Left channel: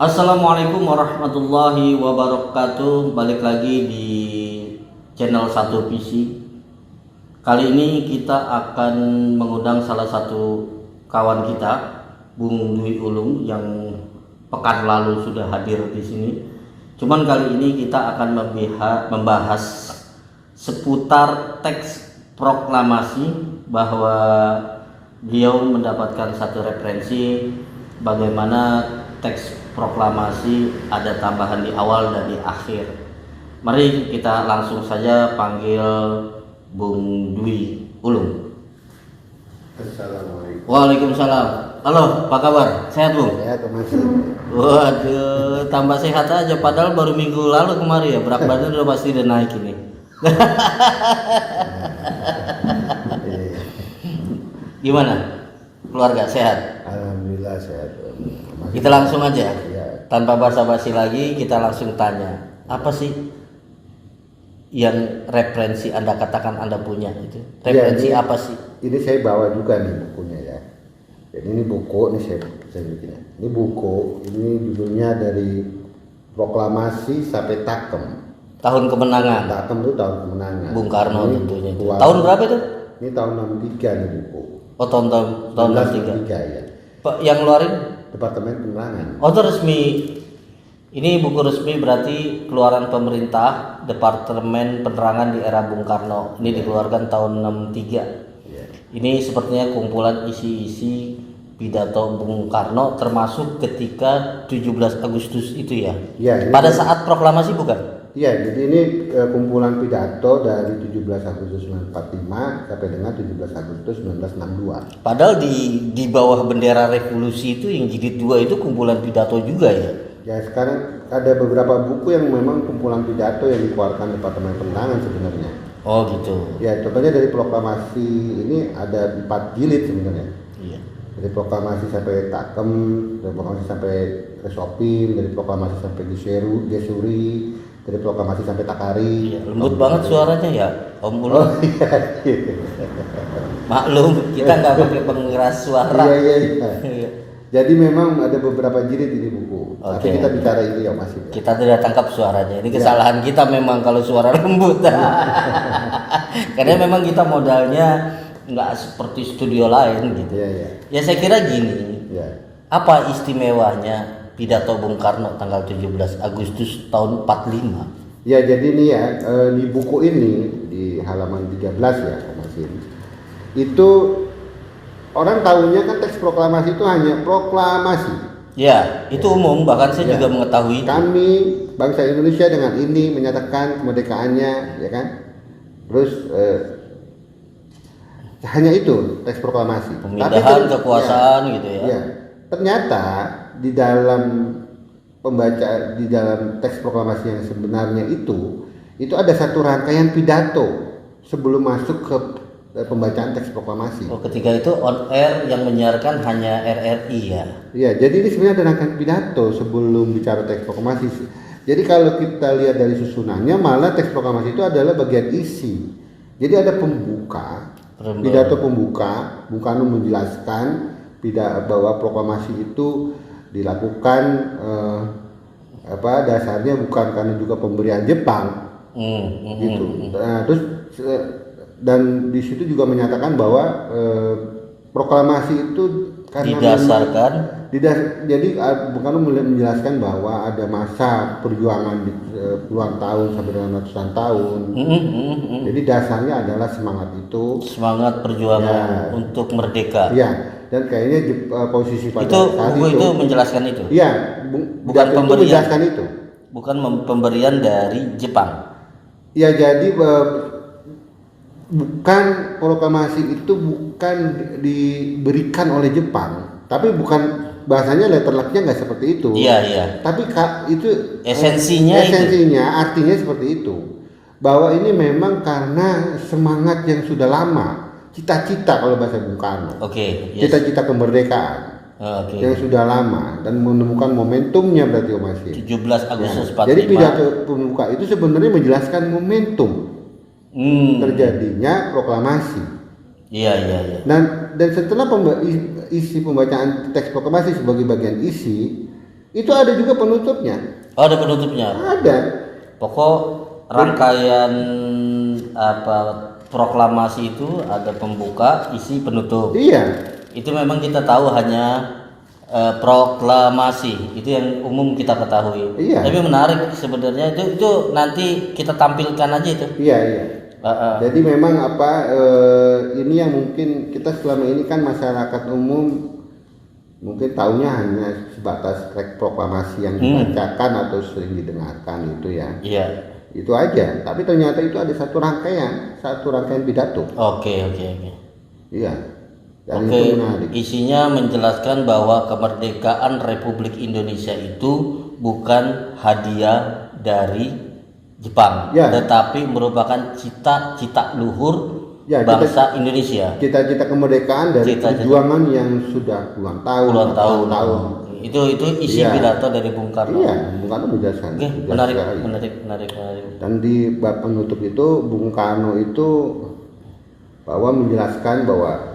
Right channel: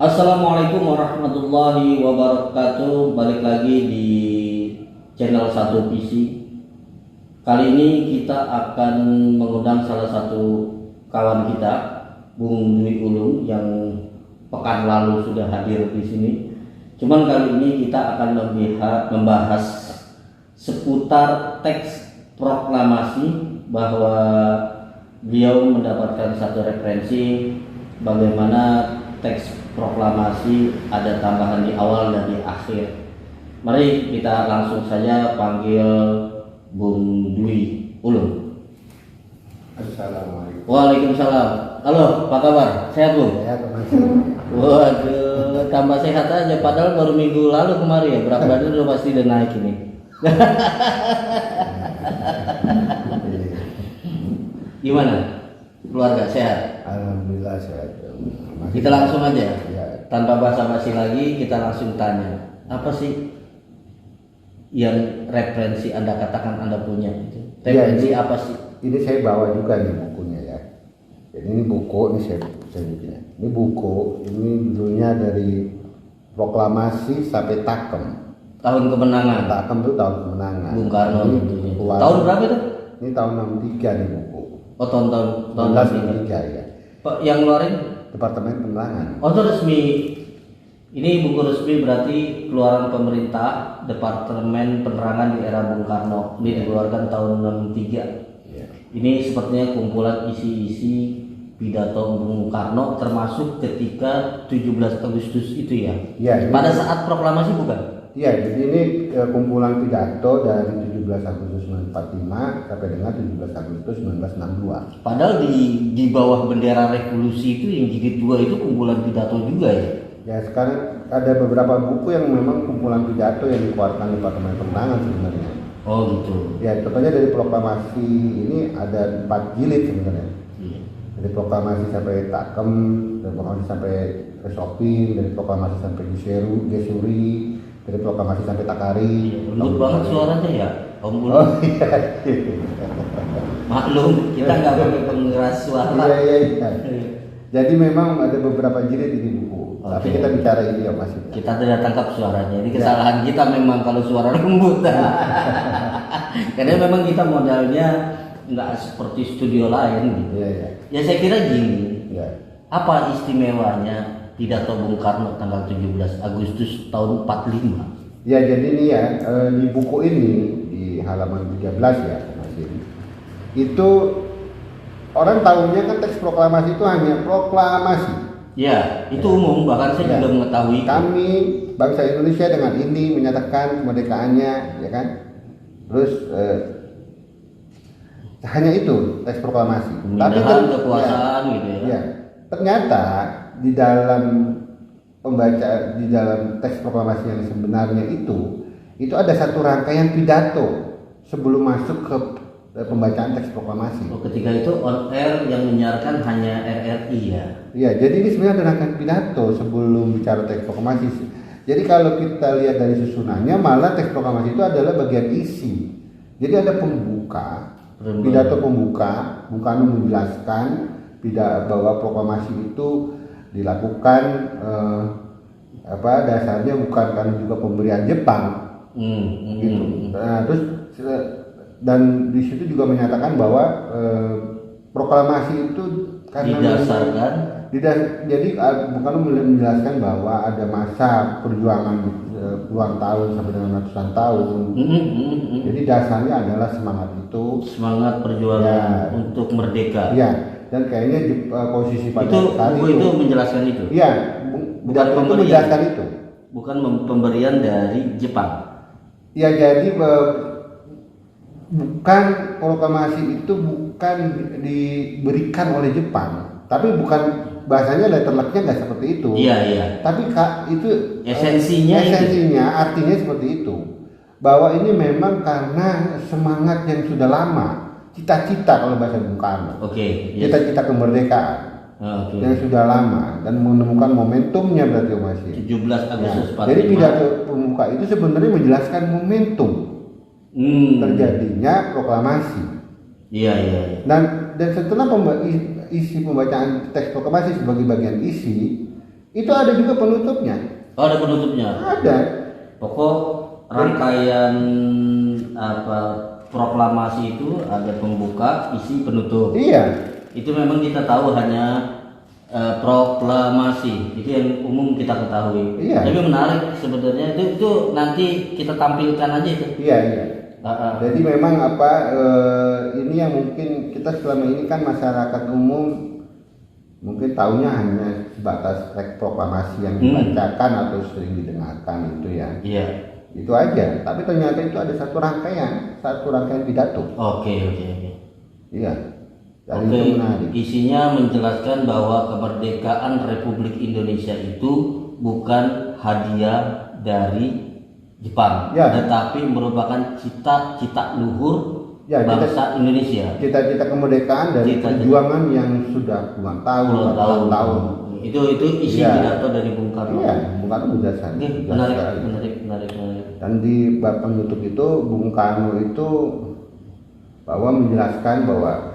Assalamualaikum warahmatullahi wabarakatuh. Balik lagi di channel Satu PC. Kali ini kita akan mengundang salah satu kawan kita, Bung Dwi Ulung, yang pekan lalu sudah hadir di sini. Cuman kali ini kita akan membahas seputar teks proklamasi, bahwa beliau mendapatkan satu referensi bagaimana teks proklamasi ada tambahan di awal dan di akhir. Mari kita langsung saja panggil Bung Dwi Ulung. Assalamualaikum. Waalaikumsalam. Halo, apa kabar? Sehat, Bung? Ya, masih. Waduh, tambah sehat aja. Padahal baru minggu lalu kemarin ya. Berat badan udah pasti udah naik ini. Gimana? Keluarga sehat? Alhamdulillah sehat. Kita langsung aja. Ya. Tanpa basa-basi lagi, kita langsung tanya. Apa sih yang referensi Anda katakan Anda punya itu? Referensi Ya, apa sih? ini saya bawa juga nih bukunya ya. Jadi ini buku, ini saya bikin. Ini buku, ini judulnya dari proklamasi sampai Takem. Tahun kemenangan. Takem itu tahun kemenangan. Bung Karno Ini tentunya. keluar- Tahun berapa itu? Ini tahun 63 nih buku. Oh, tahun 1963 ya. Pak yang ngeluarin? Departemen Penerangan. Oh, itu resmi. Ini buku resmi berarti keluaran pemerintah Departemen Penerangan di era Bung Karno. Ini dikeluarkan tahun 63. Ya. Ini sepertinya kumpulan isi-isi pidato Bung Karno, termasuk ketika 17 Agustus itu ya. Ya, ini- Pada saat proklamasi bukan? Iya, jadi ini kumpulan pidato dari 17 Agustus 1945 sampai dengan 17 Agustus 1962. Padahal di bawah bendera revolusi itu yang jilid 2 itu kumpulan pidato juga ya. Ya, sekarang ada beberapa buku yang memang kumpulan pidato yang dikeluarkan Departemen Penerangan sebenarnya. Oh gitu. Ya, contohnya dari proklamasi ini ada 4 jilid sebenarnya. Iya. Dari proklamasi sampai Takem, dari proklamasi sampai Resopin, dari proklamasi sampai Gesuri, dari proklamasi sampai Takari. Lembut banget suaranya ya, Om Bulu. Oh iya. Maklum, kita nggak pakai pengeras suara. Iya. Jadi memang ada beberapa jilid ini buku. Tapi Oke. kita bicara ini ya Mas. Kita tidak tangkap suaranya. Ini kesalahan kita memang kalau suara lembut. Karena memang kita modalnya nggak seperti studio lain gitu. Iya. Ya saya kira gini, Ya. apa istimewanya pidato Bung Karno tanggal 17 Agustus tahun 45? Ya, jadi ini ya di buku ini di halaman 13 ya Mas. Itu orang tahunya kan teks proklamasi itu hanya proklamasi. Ya, itu umum, bahkan saya Ya. juga mengetahui itu. Kami bangsa Indonesia dengan ini menyatakan kemerdekaannya, ya kan? Terus hanya itu teks proklamasi. Pemindahan kekuasaan gitu ya. Ya, ternyata di dalam di dalam teks proklamasi yang sebenarnya itu ada satu rangkaian pidato sebelum masuk ke pembacaan teks proklamasi. Oh, ketika itu on air yang menyiarkan hanya RRI ya. Ya, jadi ini sebenarnya ada rangkaian pidato sebelum bicara teks proklamasi. Jadi kalau kita lihat dari susunannya, malah teks proklamasi itu adalah bagian isi. Jadi ada pembuka, pidato pembuka, Bung Karno menjelaskan bahwa proklamasi itu dilakukan dasarnya bukan karena juga pemberian Jepang, gitu. Nah, terus dan di situ juga menyatakan bahwa proklamasi itu karena Didasarkan jadi Bung Karno menjelaskan bahwa ada masa perjuangan puluhan tahun sampai dengan ratusan tahun. Jadi dasarnya adalah semangat itu, semangat perjuangan Ya. untuk merdeka. ya. Dan kayaknya posisi pada Itu saat buku itu menjelaskan itu. iya, Bukan pidato itu pemberian. menjelaskan itu. Bukan pemberian dari Jepang. Ya, jadi bukan proklamasi itu bukan diberikan oleh Jepang, tapi bukan bahasanya letter luck-nya nggak seperti itu. Iya. Tapi itu Esensinya artinya seperti itu, bahwa ini memang karena semangat yang sudah lama, cita-cita kalau bahasa Bung Karno, Oke. Yes. cita-cita kemerdekaan Oke. yang sudah lama dan menemukan momentumnya berarti Om Asyir. 17 Agustus 45. Jadi pidato pembuka itu sebenarnya menjelaskan momentum terjadinya proklamasi. Iya. Dan setelah isi pembacaan teks proklamasi sebagai bagian isi, Itu ada juga penutupnya. Oh, ada penutupnya. Ada. Pokok rangkaian apa proklamasi itu ada pembuka, isi, penutup. Iya. Itu memang kita tahu hanya proklamasi, itu yang umum kita ketahui. Iya. Tapi menarik sebenarnya itu nanti kita tampilkan aja itu. Iya, iya. Jadi memang ini yang mungkin kita selama ini kan masyarakat umum mungkin tahunya hanya sebatas teks proklamasi yang dibacakan atau sering didengarkan itu ya. Iya. Itu aja. Tapi ternyata itu ada satu rangkaian pidato. Oke. Iya. Dan Oke, itu menarik. isinya menjelaskan bahwa kemerdekaan Republik Indonesia itu bukan hadiah dari Jepang, Ya. tetapi merupakan cita-cita luhur Ya, bangsa Indonesia. Cita-cita kemerdekaan dari perjuangan yang sudah puluhan tahun. Itu isi Iya. pidato dari Bung Karno. Iya, Bung Karno menjelaskan. Oke, Jelas sekali. menarik. Dan di bab penutup itu Bung Karno itu bahwa menjelaskan bahwa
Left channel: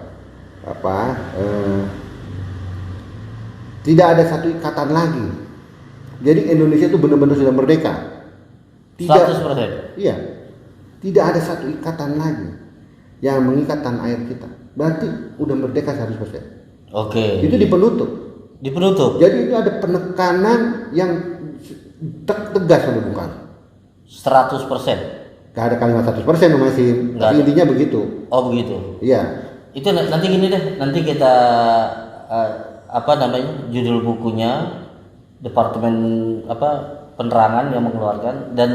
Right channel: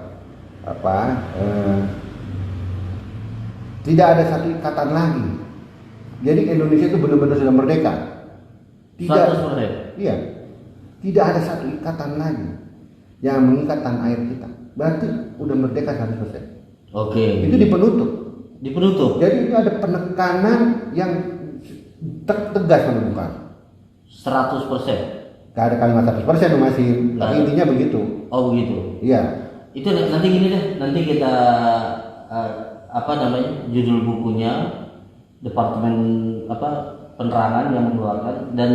tidak ada satu ikatan lagi. Jadi Indonesia itu benar-benar sudah merdeka. 100%. Iya. Tidak ada satu ikatan lagi yang mengikat tanah air kita. Berarti udah merdeka 100%. Oke. Itu di penutup. Di penutup. Jadi itu ada penekanan yang tegas oleh Bung Karno. 100%. Gak ada kalimat 100% masih, tapi intinya begitu. Oh begitu. Iya. Itu nanti gini deh, nanti kita judul bukunya Departemen Penerangan yang mengeluarkan, dan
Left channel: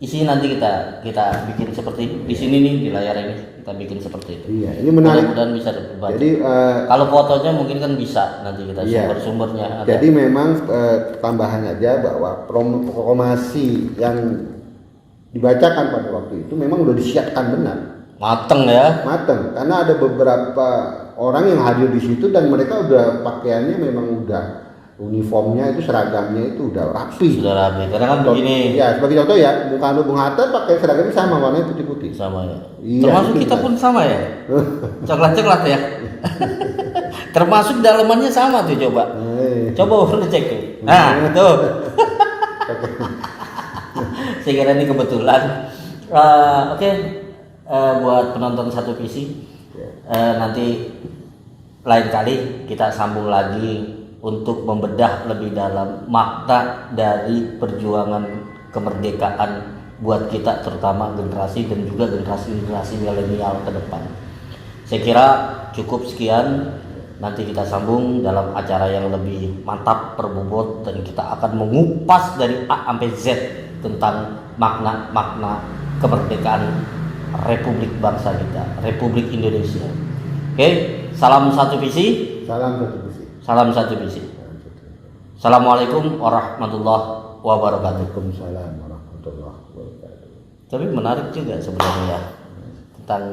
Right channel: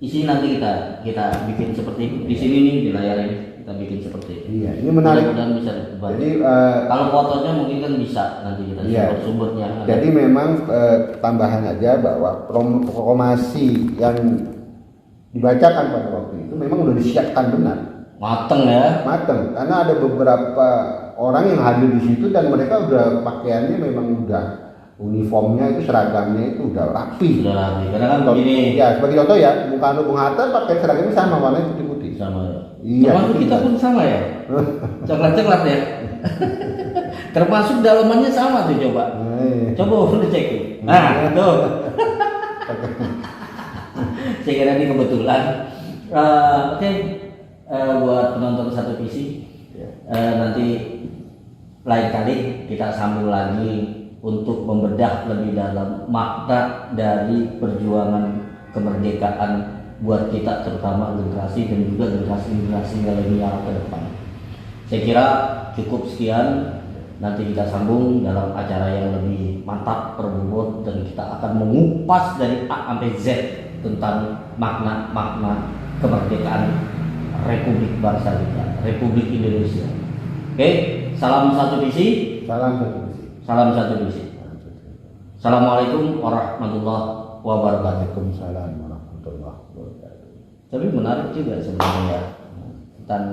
isinya nanti kita bikin seperti itu. Di sini nih di layar ini kita bikin seperti itu. Iya, ini menarik. Dan bisa dibaca. Jadi kalau fotonya mungkin kan bisa nanti kita sumber-sumbernya. Jadi memang tambahan aja bahwa proklamasi yang dibacakan pada waktu itu memang udah disiapkan benar. Mateng ya. Mateng, karena ada beberapa orang yang hadir di situ dan mereka udah pakaiannya memang udah uniformnya itu, seragamnya itu udah rapi. Sudah rapi. Karena kan begini. Ya, sebagai contoh ya, Bung Karno, Bung Hatta pakai seragamnya sama, warnanya putih-putih. Sama ya. Iya. Termasuk kita pun sama ya. Coklat ya. Termasuk dalamannya sama tuh coba. Coba udah dicek. Nah, tuh. Saya kira ini kebetulan. Oke. Buat penonton satu visi, nanti lain kali kita sambung lagi untuk membedah lebih dalam makna dari perjuangan kemerdekaan buat kita, terutama generasi dan juga generasi milenial ke depan. Saya kira cukup sekian, nanti kita sambung dalam acara yang lebih mantap, berbobot, dan kita akan mengupas dari A sampai Z tentang makna kemerdekaan Republik bangsa kita, Republik Indonesia. Oke, salam satu visi. Salam satu visi. Assalamualaikum warahmatullahi wabarakatuh. Waalaikumsalam warahmatullahi wabarakatuh. Tapi menarik juga sebenarnya tentang